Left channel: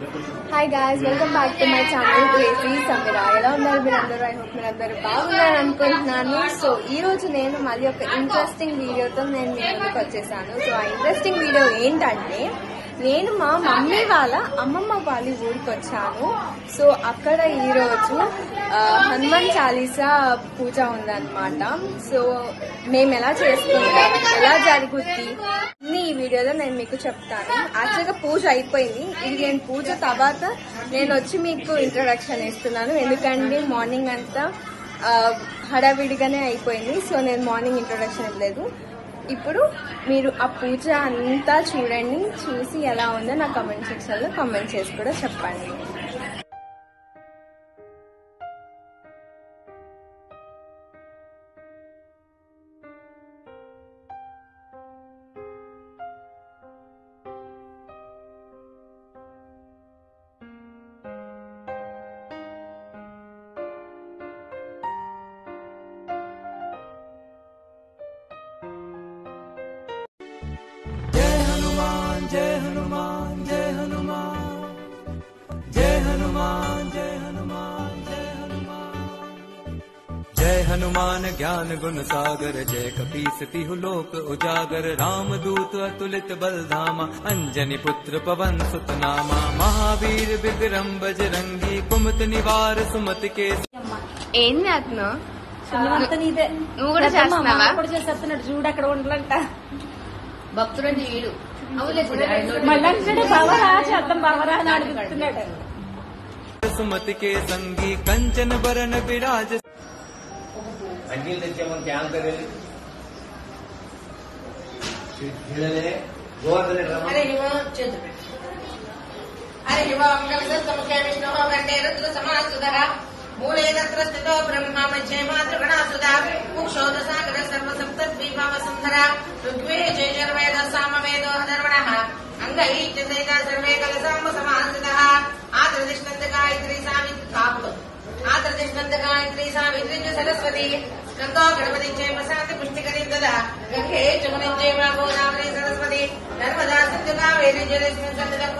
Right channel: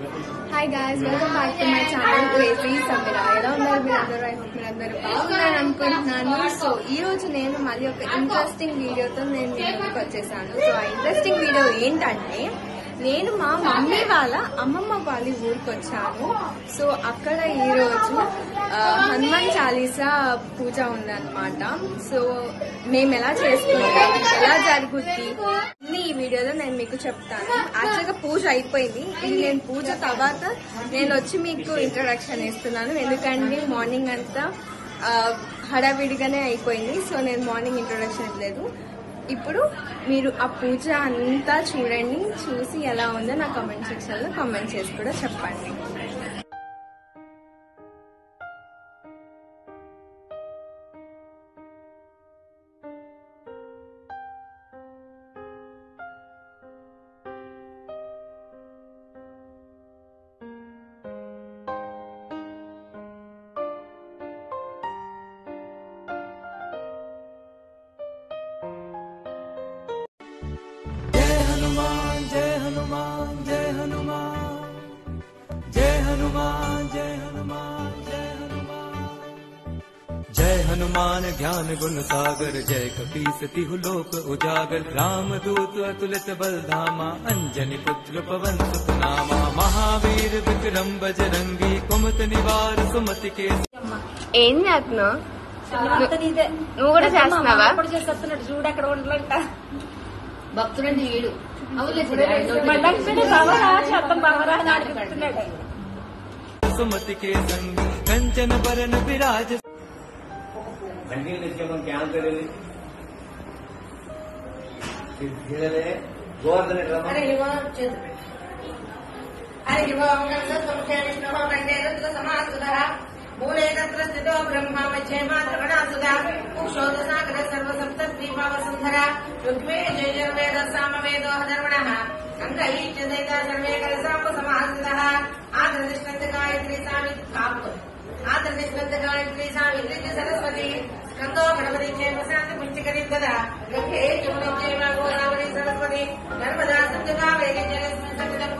Hi guys, welcome back to my channel crazy Sameera. ఎలా ఉన్నారు మీరందరూ? ఐ హోప్ మీరందరూ బాగున్నారు అనుకుంటున్నాను. సో ఈ రోజు నేను మళ్ళీ ఒక ఇంట్రెస్టింగ్ వీడియోతో నేను మీ ముందుకు వచ్చేసాను. సో ఆ ఇంట్రెస్టింగ్ వీడియో ఏంటంటే, నేను మా మమ్మీ వాళ్ళ అమ్మమ్మ వాళ్ళ ఊరికి వచ్చాను. సో అక్కడ ఈరోజు హనుమాన్ చాలీసా పూజ ఉందన్నమాట. సో మేము ఎలా చేసుకుంటాం, ఎలా జరుగుద్ది అన్ని ఈ వీడియోలో నేను మీకు చెప్తాను. యాక్చువల్గా పూజ అయిపోయింది. ఇది నేను పూజ తర్వాత నేను వచ్చి మీకు ఇంట్రొడక్షన్ ఇస్తున్నాను. ఎందుకంటే మార్నింగ్ అంతా హడావిడిగానే అయిపోయింది. సో నేను మార్నింగ్ ఇంట్రొడక్షన్ ఇవ్వలేదు. ఇప్పుడు మీరు ఆ పూజ అంతా చూడండి. చూసి ఎలా ఉందో నా కామెంట్ సెక్షన్ లో కామెంట్ చేసి కూడా చెప్పండి. जय हनुमान जय हनुमान जय हनुमान जय हनुमान जय हनुमान जय हनुमान ज्ञान गुण सागर जय कपीस तिहु लोक उजागर रामदूत अतुलित बलधामा अंजनी पुत्र पवन सुत नामा महावीर विक्रम बजरंगी कुमत निवार सुमति के. ఏం చేస్తున్నావు? నువ్వు కూడా చేస్తున్నావా? చూడు అక్కడ ఉండలంట భక్తుడని వీడు सुमति के संगी कंचन बरन विराज. अंजील देखिए मन क्या करे गोवर्धन अरे युवा अरे युवा मुख्य विष्णु कंठे रुद्र समासुधः मूले तत्र स्थितो ब्रह्मा मध्ये मातृगणासुधा कुक्षोदसागर सर्वसप्तद्वीपावसुन्धरा ऋग्वेद सामवेदो धर्मणः अंगैश्चन्देता सर्वे कलसाम्ब समासुधः आदर्दिष्णन्द गायत्री सावित्री च सरस्वती स्कन्दो गणपति चैव शान्ति पुष्टिकरी तदा गंगे जमुने चैव गोदावरी सरस्वती नर्मदा सिन्धु कावेरी जलेऽस्मिन् सन्निधौ.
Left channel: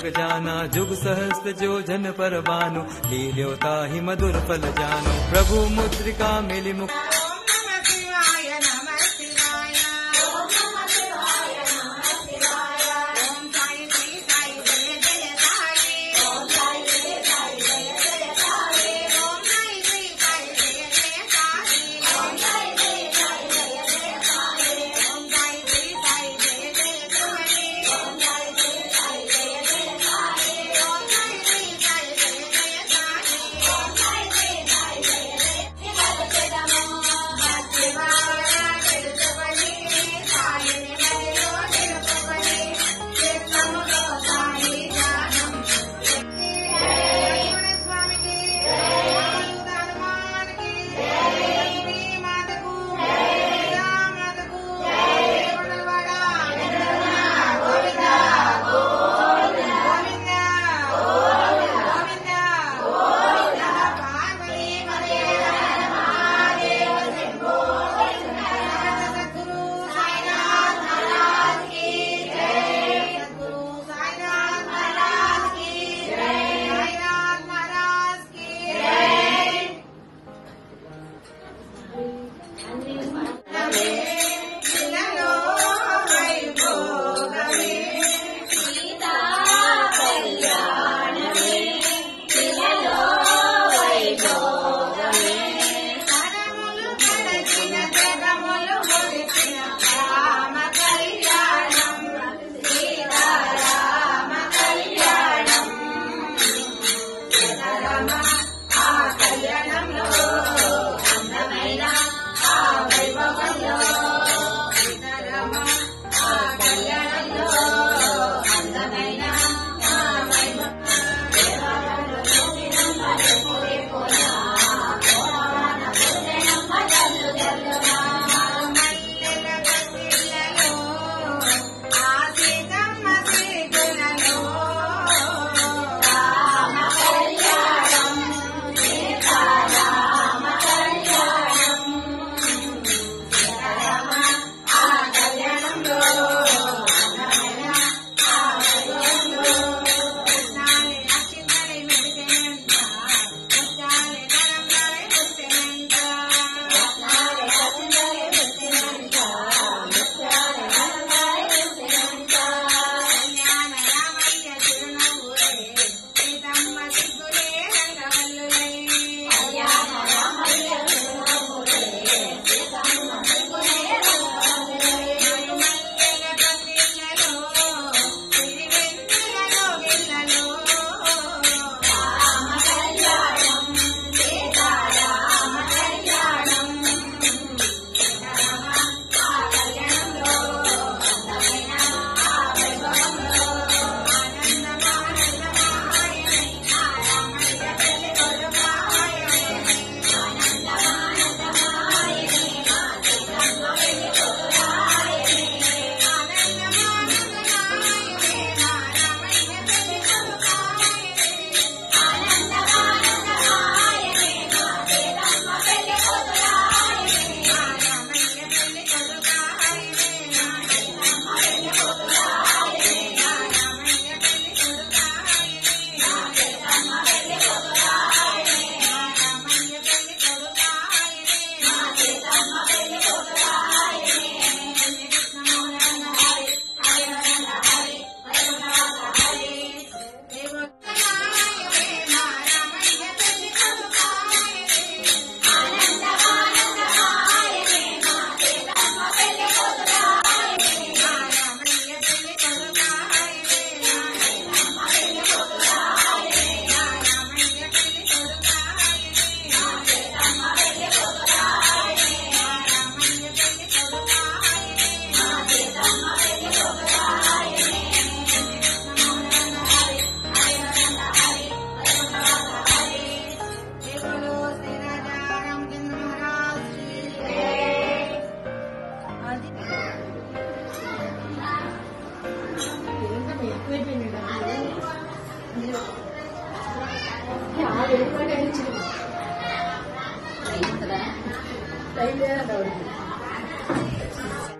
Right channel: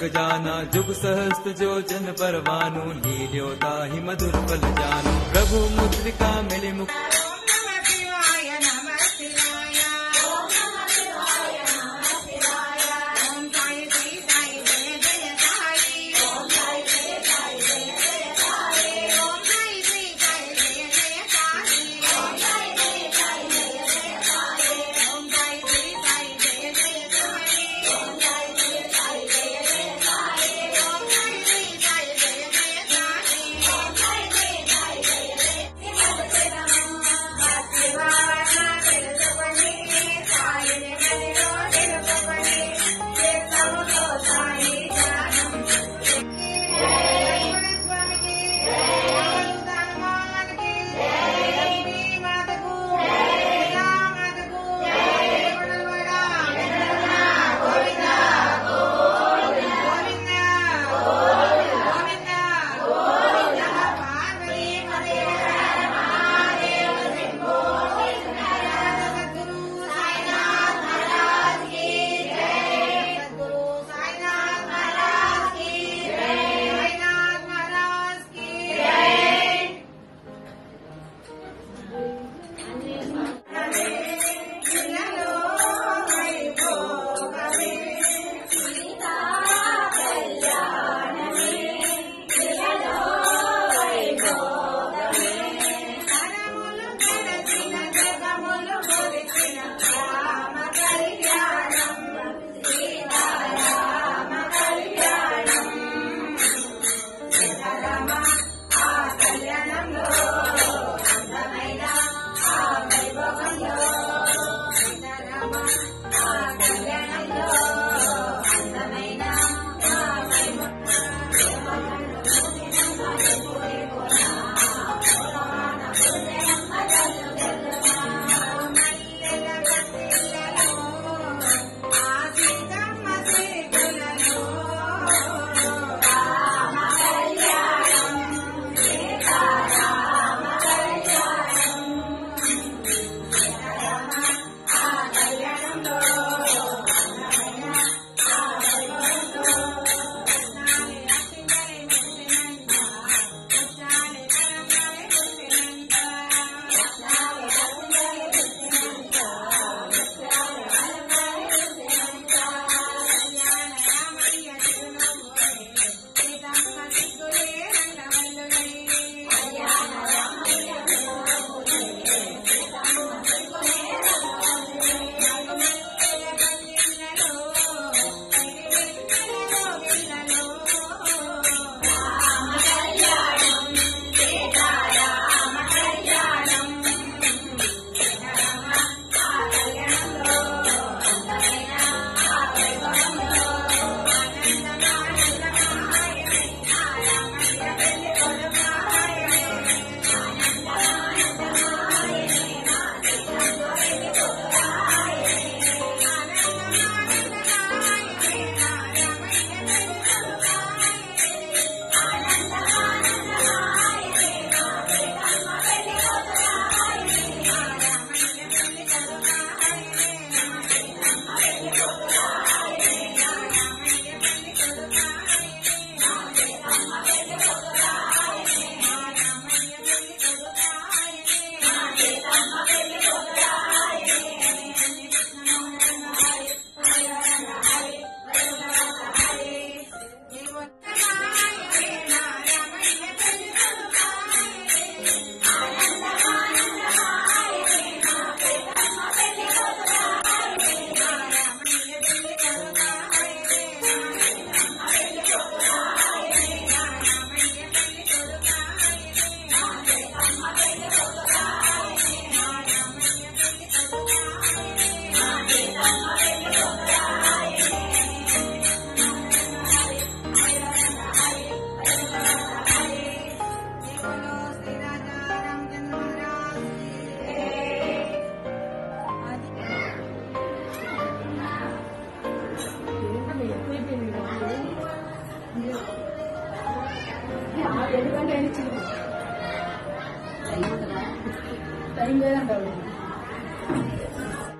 जग जाना जुग सहस्त्र जो जन पर बानु हीरोता ही मधुर फल जानो प्रभु मुद्रिका मेरी मुख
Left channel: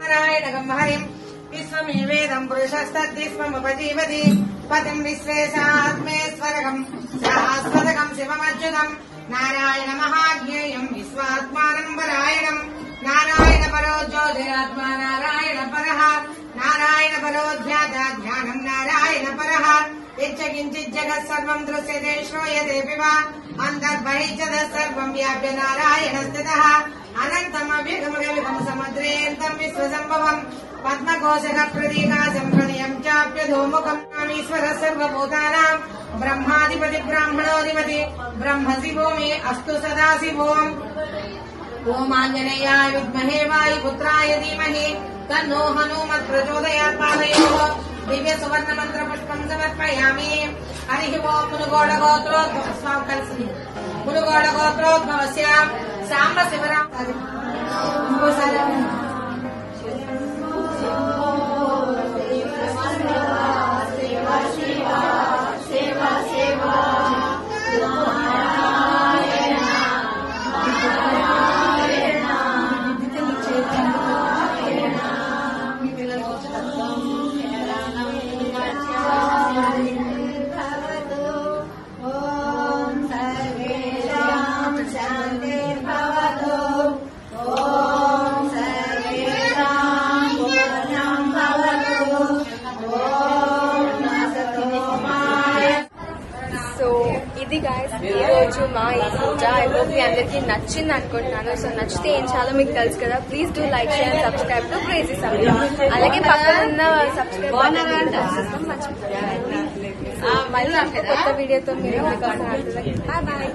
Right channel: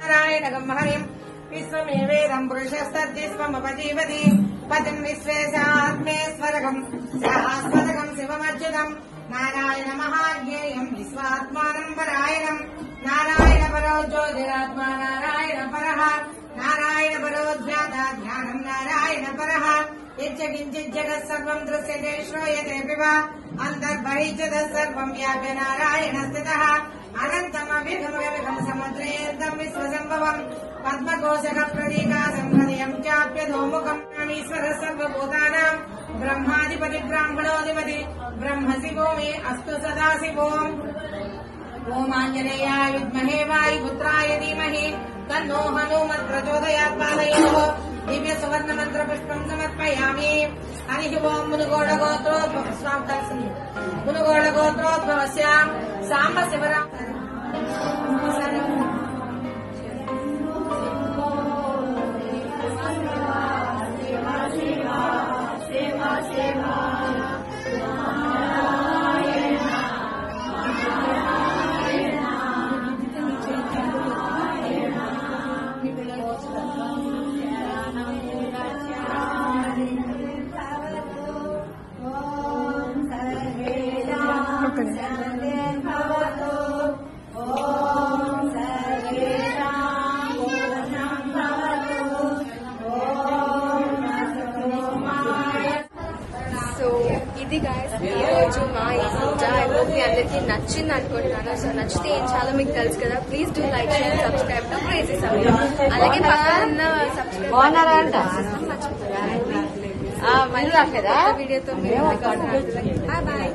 नारायण गम्हरि विश्वमेवेदं पुरुषस्तद्विश्वमुपजीवति పతిం విశ్వేశాత్మేశ్వరకం సహస్రకం శివమచ్యుతం నారాయణ మహాజ్ఞేయం విశ్వాత్మానం పరాయణం నారాయణ పరో జ్యోతిరాత్మా నారాయణ పరః నారాయణ పరో జ్ఞానం నారాయణ పరః యచ్చకించిత్ జగత్ సర్వం దృశ్యతే శ్రూయతే పిబా అంతర్బహిర్జగ సర్వం వ్యాప్య నారాయణ స్థితః అనంతమభిగమగం సముద్రేర్ధం విశ్వసంభవం పద్మకోశక ప్రతీకాశం హృదయం చాప్యధోముఖం ఈశ్వర సర్వభూతానాం బ్రహ్మాధిపతి బ్రాహ్మణోధిపతి బ్రహ్మ శివో మే అస్తు సదాశివోం ఓం ఆంజనేయాయ విద్మహే వాయుపుత్రాయ ధీమహి తన్నో హనుమత్ ప్రచోదయాత్ పాదయోః దివ్య సువర్ణ మంత్ర పుష్పం సమర్పయామి హరి ఓం మునుగోడ గోత్రోద్భవస్య సాంబ శివరాం సో ఇది గాయస్ ఈ రోజు మా ఈ పూజ. ఐ హోప్ మీ అందరికి నచ్చింది అనుకుంటున్నాను. సో నచ్చితే ఏం చాలా మీకు తెలుసు కదా, please do like share subscribe to crazy Sameera. అలాగే పక్కన ఉన్న సబ్స్క్రైబ్ మర్చిపోయారు. మళ్ళీ కొత్త వీడియోతో మీరు బాయ్ బాయ్.